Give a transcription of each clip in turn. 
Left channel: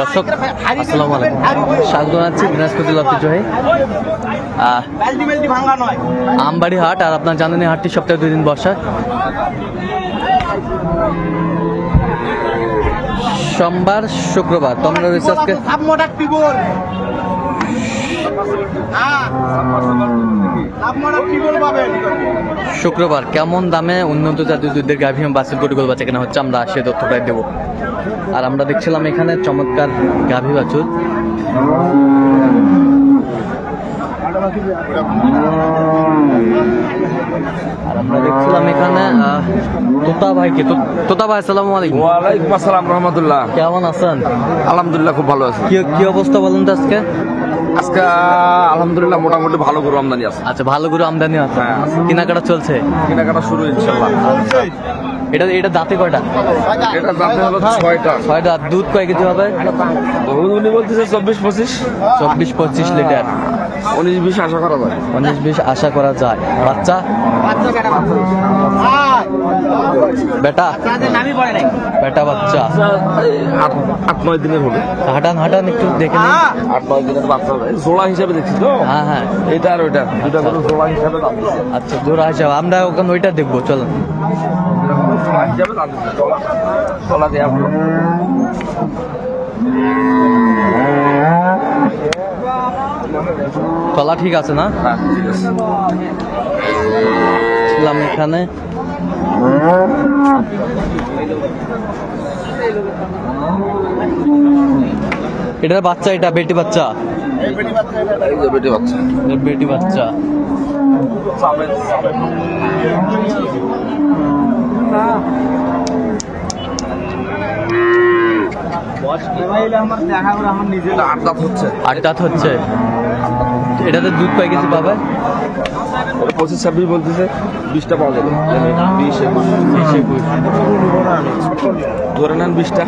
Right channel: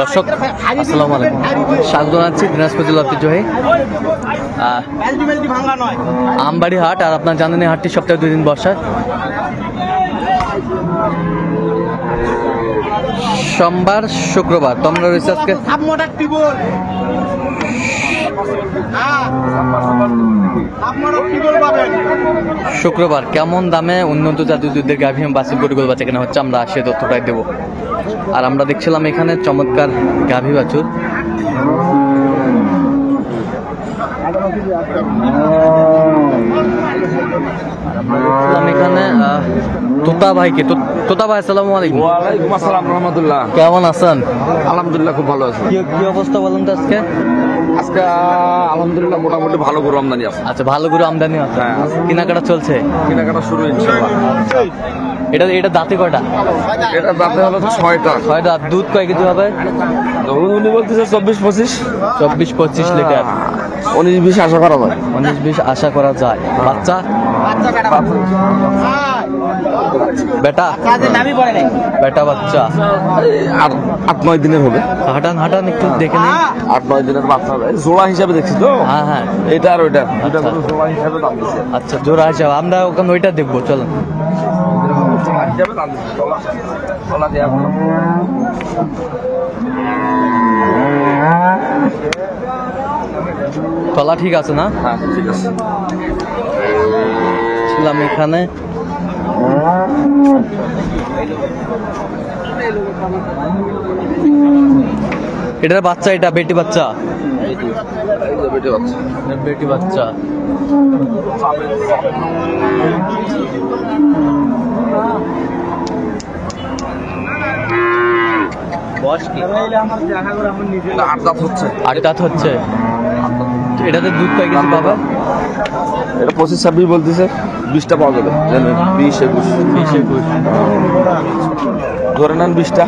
দর্শক আসসালামু আলাইকুম, স্বাগত জানাচ্ছি দিনাজপুর জেলা ঐতিহ্যবাহী আমবাড়ি হাট। আর আপনার জানেন এই হাটটি সপ্তাহে 2 দিন বসে, সোমবার শুক্রবার। তো আমরা রয়েছে আজকে শুক্রবার। কেমন দামে উন্নত জাতীয় দুধের গাভী বাছুর গরুগুলো বাচ্চা কেনা হচ্ছে, আমরা সে তথ্যটাই দেবো। আর আমরা দেখছিলাম এখানে চমৎকার গাভী বাছুর। আর আমরা দেখছিলাম এখানে তোতা ভাইকে। তোতা ভাই আসসালামু আলাইকুম। ওয়ালাইকুম আসসালাম রহমতুল্লাহ। কেমন আছেন? আলহামদুলিল্লাহ খুব ভালো আছি। কি অবস্থা বলুন তো আজকে? আজকে আলহামদুলিল্লাহ মোটামুটি ভালো গরু আমদানি আছে। আচ্ছা, ভালো গরু আমদানি আছে। হ্যাঁ, কেনাকাটা চলছে, কেনাকাটা শুরু ইনশাল্লাহ। এটা দাঁতে কয়টা? এটা দাঁতে হলো 6টা। 6 দাঁত। দুধ কয় কেজি হবে? উনি বলতেছে 24-25। 24-25 লিটার। 19-20 আশা করা যায়। 19-20 আশা করা যায়। বাচ্চা বেটা বেটা বাচ্চা 8-9 দিনের হবে। হাঁটান একটু দেখে নেই। 8-9 দিনের বাচ্চা হবে। জোড়া হিসাবে দেখছি তো। হ্যাঁ, এটা আর ওইটা দুটা গরু জোড়া হিসাবে দাম দিচ্ছে। আচ্ছা, জোড়া হিসাবে আমরা ওখানে ওইটা দেখবো, চলেন। তলা ঠিক আছে না? হ্যাঁ ঠিক আছে। ছিলাম এখানে এটার বাচ্চা, এটা বেটি বাচ্চা। বেটি বাচ্চা আট দাঁত হচ্ছে। এটাতে দুধ কয় কেজি পাবে? এটা 25-26 বলতেছে। 20টা পাওয়া যাবে। 20-21 ধরে নেন 20টা।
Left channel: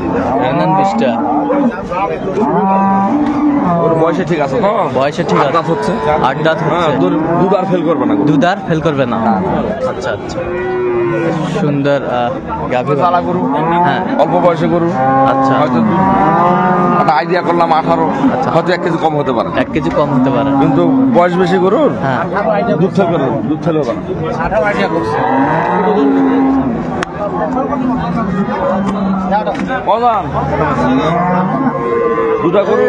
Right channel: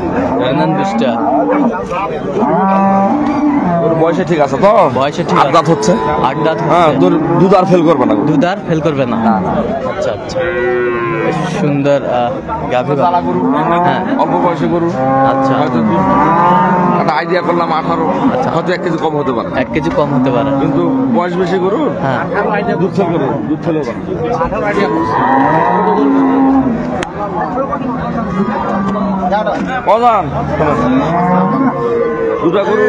ওর বয়সে ঠিক আছে তো? বয়সে ঠিক আছে। দাঁত হচ্ছে 8 দাঁত। হ্যাঁ, দুধ আর ফেল করবে না। দুধ আর ফেল করবে না। আচ্ছা, সুন্দর গাভী। হ্যাঁ, অল্প বয়সী গরু। আচ্ছা, একটা আইডিয়া করলাম 18। আচ্ছা, হয়তো 1 কেজি কম হতে পারে। 1 কেজি কম হতে পারে, কিন্তু বয়স বেশি গরু। হ্যাঁ, দুধ ফেল হবে। অজান দুটা গরু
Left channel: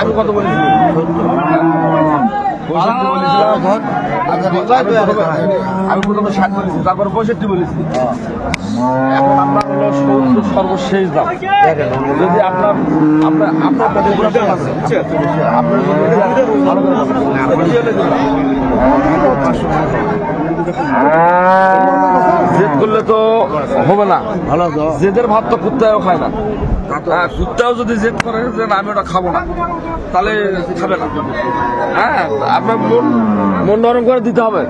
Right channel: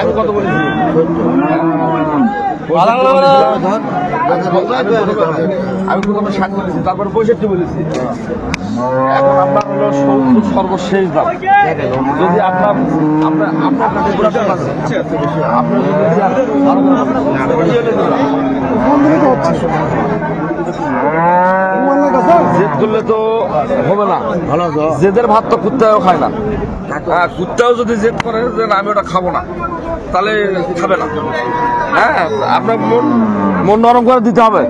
আমি কত বলেছি? 65 বলেছিলাম। আমি প্রথমে 60 বলেছি, তারপরে 65 বলেছি। এখন আপনার হলো 70 সর্বশেষ দাম। যদি আপনার যদি ভালো করে বলেন জেদ করলে তো হবে না। ভালো জেদের ভাত তো কুত্তাও খায় না। কুত্তাও যদি জেদ করে যে আমি ওটা খাবো না, তাহলে খাবে না। হ্যাঁ, আপনার মন নরম করে দিতে হবে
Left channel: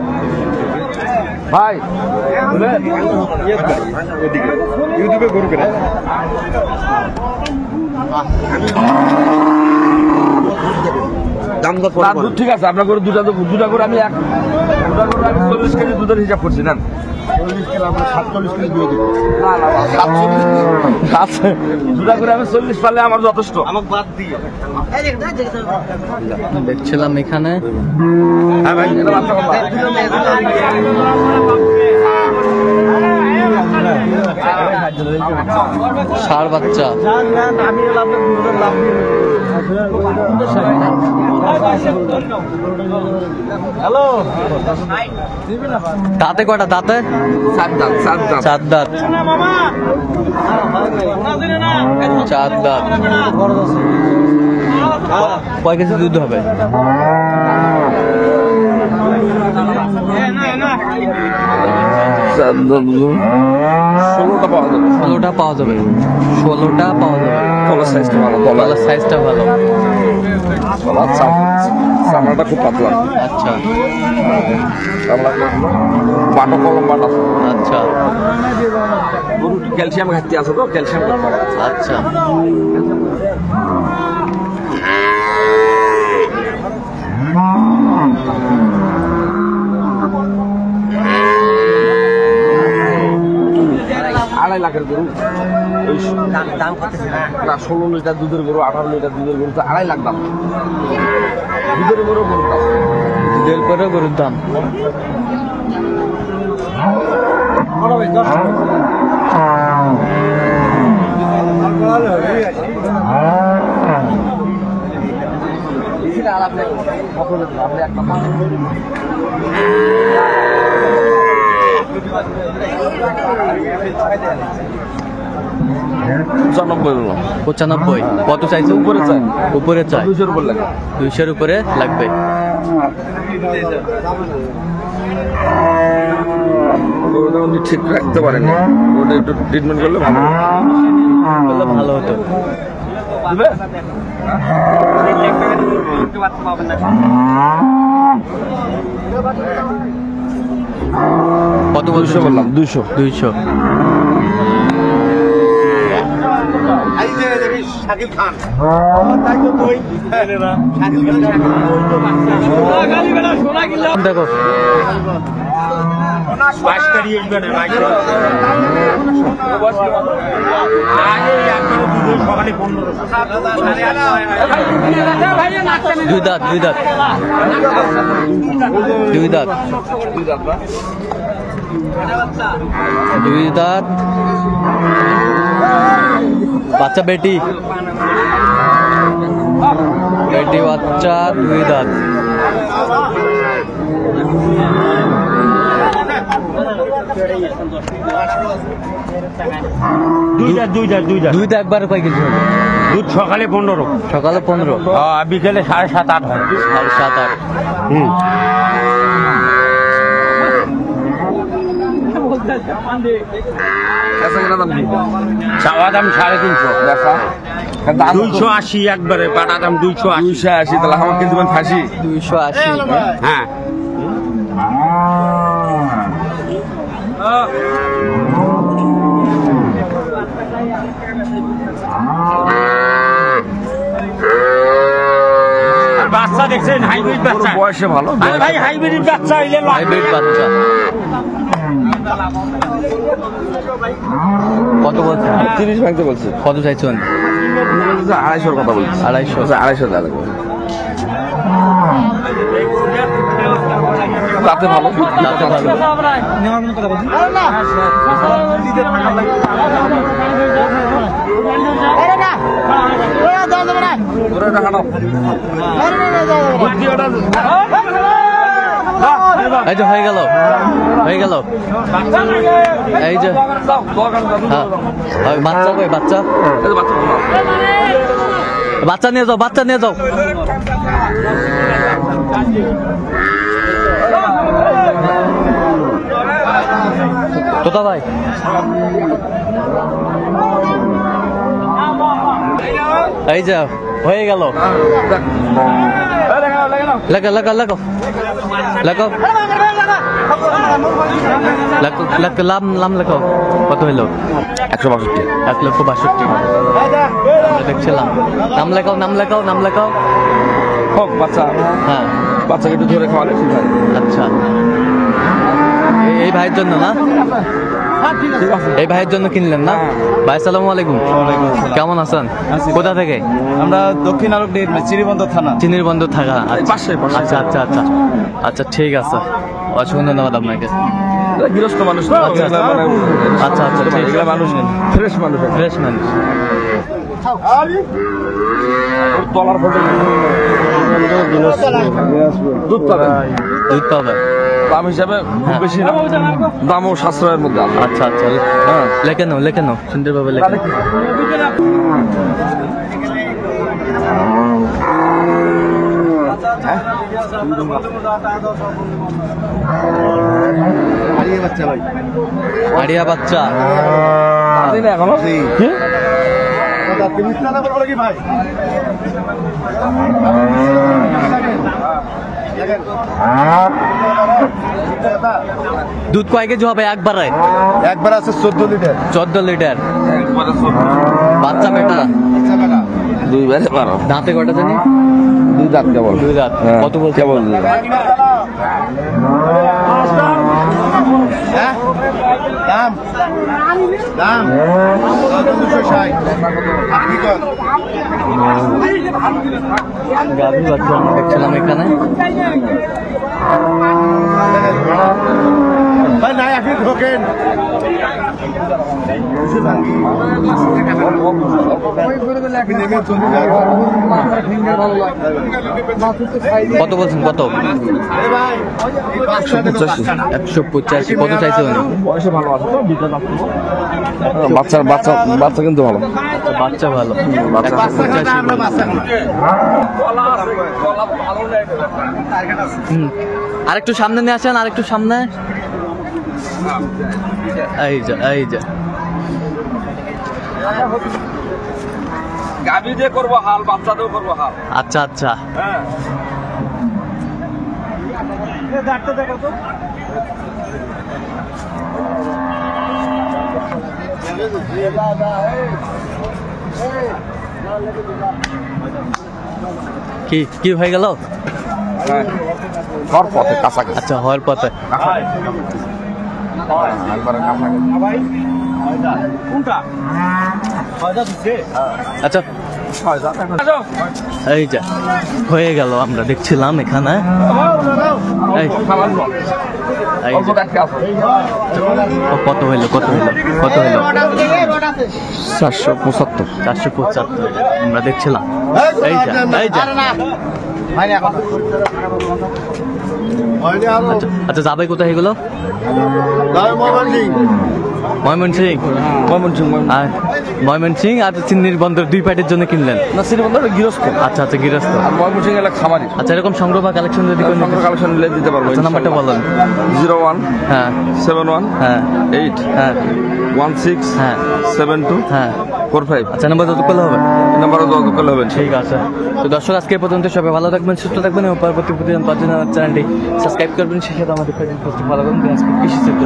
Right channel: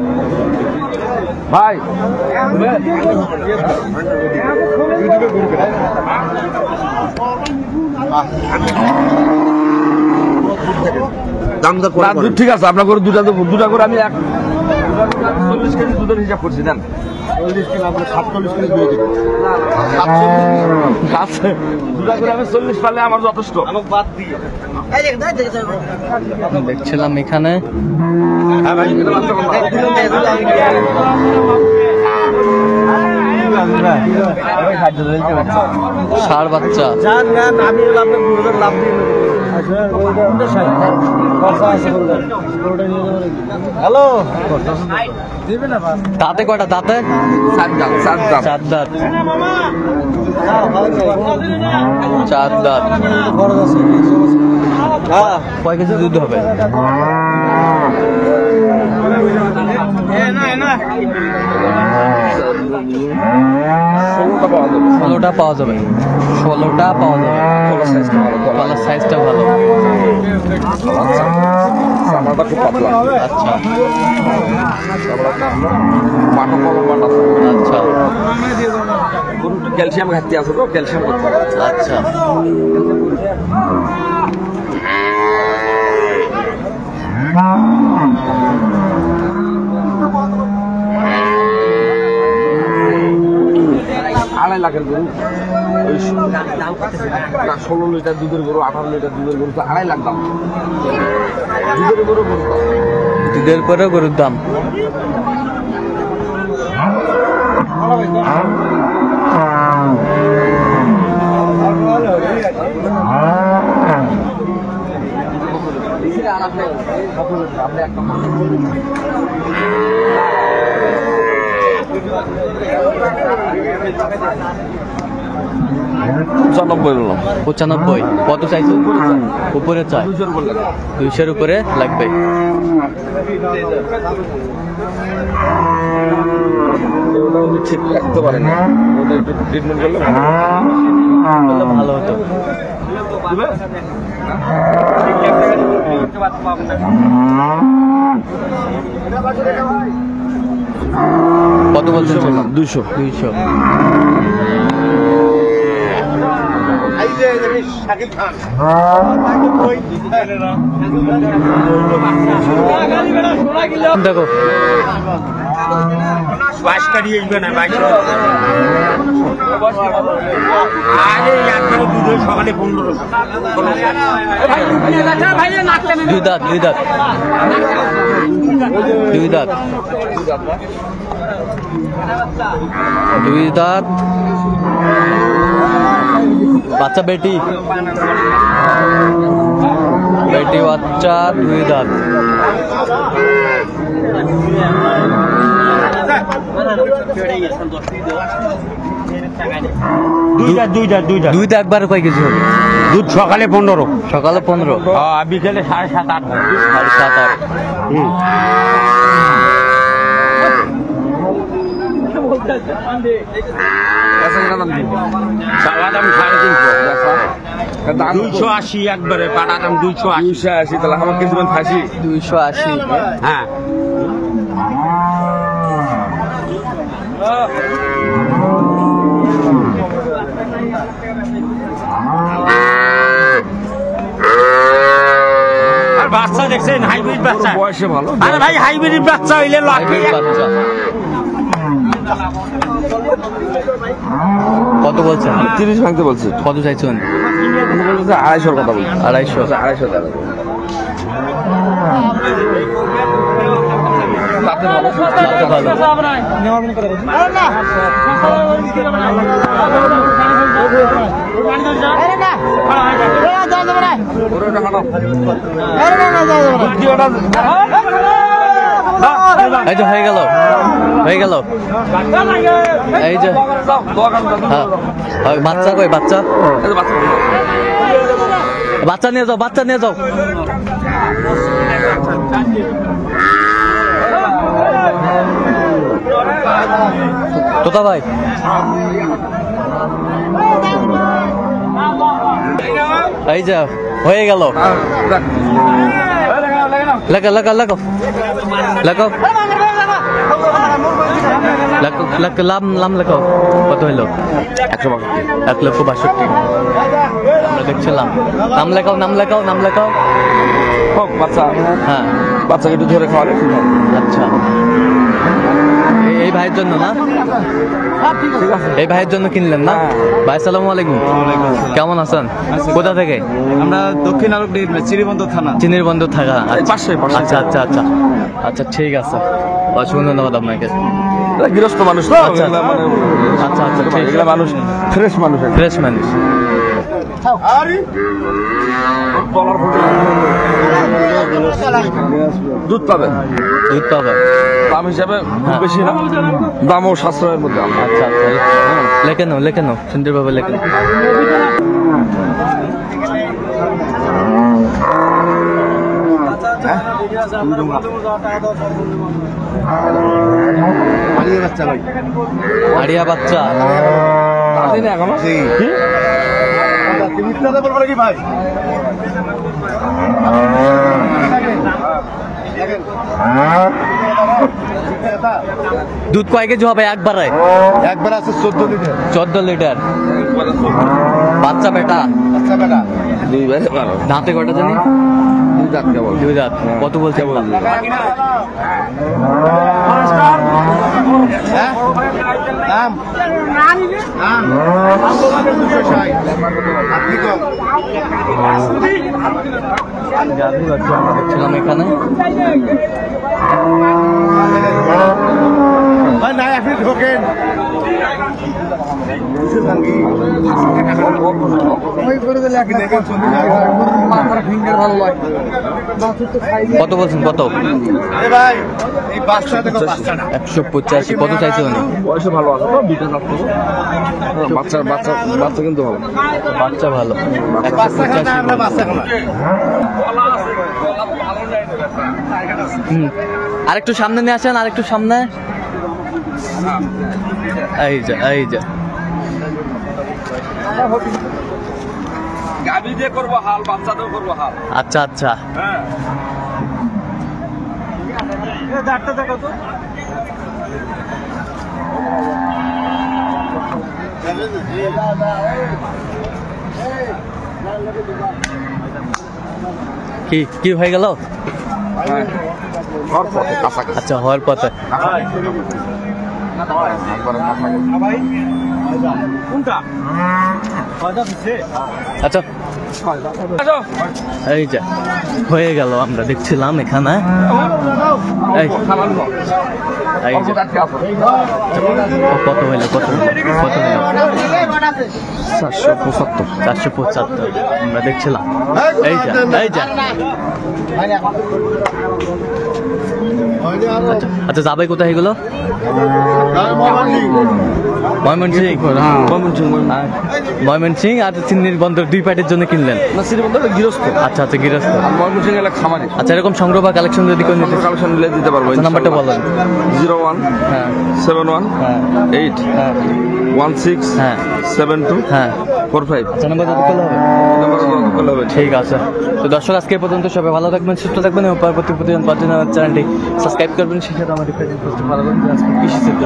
ভাই। দুধ ঠিক আছে, আপনার করে দুটা করে আমি 40 কেজি দুধের হিসাব করছি না। 47 কেজি দিয়ে দেবো। দুটা করে আমি 40 পারলে আমার যথেষ্ট। দেখছিলাম এখানে ষাঁড় বাচ্চা। দাঁতে কয়টা? দাঁতে 7 দাঁত। 4 দাঁত। 4 দাঁত। কয় কেজি দুধ হবে? 16টা পাওয়া যাবে। 16টা পাওয়া যাবে। গলার সাইজটা ভালো। আচ্ছা, আচ্ছা, গরু ক্যালসিয়াম ঘাটতি আছে তো, ক্যালসিয়াম। আচ্ছা, লাখের গরু ওই দাম করতেছে না। না 16 লিটার দুধের গরু 18 লিটার দুধের গরু তো 2.5 লাখ দাম দুধের গরু গরুর দাম দুধের পরে গরুর দাম। আপনি এক নম্বর 95 কত চাইছে? উপরে চাই 200 উপরে লাগবে। ঠিক রাখতে পারেন একটু ট্রিটমেন্ট করলে ভালো হতো। কত বলছেন? 200। দেখো দুই দাঁত বাচ্চা বেটি বাচ্চা 2 দাঁত। দুইটা একবার কয় কেজি হবে? দুধ সকালে 15, সকালে 15, বিকেলে 7.5-8 হয়। 7.5-8। চাওয়া দাম 350, 280 একবারে পাটা দাম 280। তাহলে আমার কিছু খাসি 280। হ্যাঁ বাচ্চা দেখছেন? হাইব্রিড বাচ্চা, বয়সে ভালো ভাই হাইব্রিড বাচ্চা হইলে হাইব্রিড বাচ্চা। কত বলছেন? 30 ভাঙতে বলছি। কত চাইছেন? 250 কথা বলছি। 250। 250 টাকা রাতে ভালো এই যে হয়ে গেল এই যে হ্যাঁ বাচ্চা কই বাচ্চা নিয়ে যাও তোতা ভাই এই যে হয়ে গেল লাম লেখাও কত হইল 162 1,62,000 আমরা দেখছিলাম নাম লেখাও হোক বাচ্চা হ্যাঁ বাচ্চা যদি ধরে খাওয়ালে আচ্ছা এই ভাইয়ের জন্য না ঠিক আছে এই ভাইয়ের জন্য কিনলেন না ভাই আসসালামু আলাইকুম কেমন আছেন কোথা থেকে আমরা দক্ষিণ আরব চিনিবন্দর থানা চিনিবন্দর থাকা পাশে আচ্ছা আচ্ছা ঠিক আছে অসংখ্য ধন্যবাদ আপনাকে গৃহস্থ মানুষ আচ্ছা ঠিক এগুলা মানুষ ফ্রেশ মানুষ দুধ পাবে দাম হিসাবে বেশি না দামও সাশ্রয়ের মধ্যে আচ্ছা লেখে নাও সুন্দরভাবে লেখে আড়িয়া বাচ্চা দুধ কয় কেজি হবে একবার আছে 14 লিটার বাচ্চা বেটা 2 বারে দাঁতে কটা জানি 2 দাঁত কেবল 2 দাঁত কত বলছে গাভী বাচ্চা আমরা দেখছিলাম এখানে। কত বলছেন, কত? 185। কত চাইছে উনি? বয়সে ভালো আছে তো, বিটা যাচ্ছে তো। বাচ্চা বাচ্চা বাচ্চা কিন্তু ভালো। বাচ্চা ভালো। 185। আরেকটু সামনে নিয়ে আসেন, আরেকটু সামনে। এই যা, এই যা। গাভী দিয়ে করবো হাল, বাচ্চা দিয়েও করবো হাল। আচ্ছা আচ্ছা। হ্যাঁ, কি কি হয়ে গেল? কাছাকাছি। আচ্ছা, হওয়ার পথে। আচ্ছা, এই যা হয়ে গেল, আমরা দেখছিলাম এখানে। এই এই যে। ও, কত হইলো, কত হইলো, কত হইলো? 475। 475 আমরা দেখছিলাম। এই যা, এই যা। আচ্ছা আচ্ছা, যাবে কোথায় এগুলো? ময়মনসিং। আর ময়মনসিং আর চিন্নির বন্দর, দুই পার্টির জন্য কিনলেন? না, শ্রীবন্ধ গৃহস্থ। আচ্ছা আচ্ছা, গৃহস্থ। আর ময়মনসিং এলাকা খামারি। আচ্ছা, এরকম সংগ্রহ বা কালেকশন যদি করে নিতে, কালেকশন নিলে দিতে পারবো। নাম্বারটা বলেন। 01 হ্যাঁ 71 হ্যাঁ 8 হ্যাঁ 16 হ্যাঁ 72 হ্যাঁ। 45। আচ্ছা, নাম্বার যত করলে হবে। নাম্বারে যোগাযোগ করলে হবে। ঠিক আছে। তো দর্শক, আজকে এই পর্যন্ত। সবাই ভালো থাকবেন, সুস্থ থাকবেন এবং পরবর্তী প্রতিদিন পাওয়ার জন্য আমার চ্যানেলটি সাবস্ক্রাইব করবেন। সেই সাথে আমাদের ফেসবুক পেজটি ফলো করবেন। আজকে কৃষি চিত্র।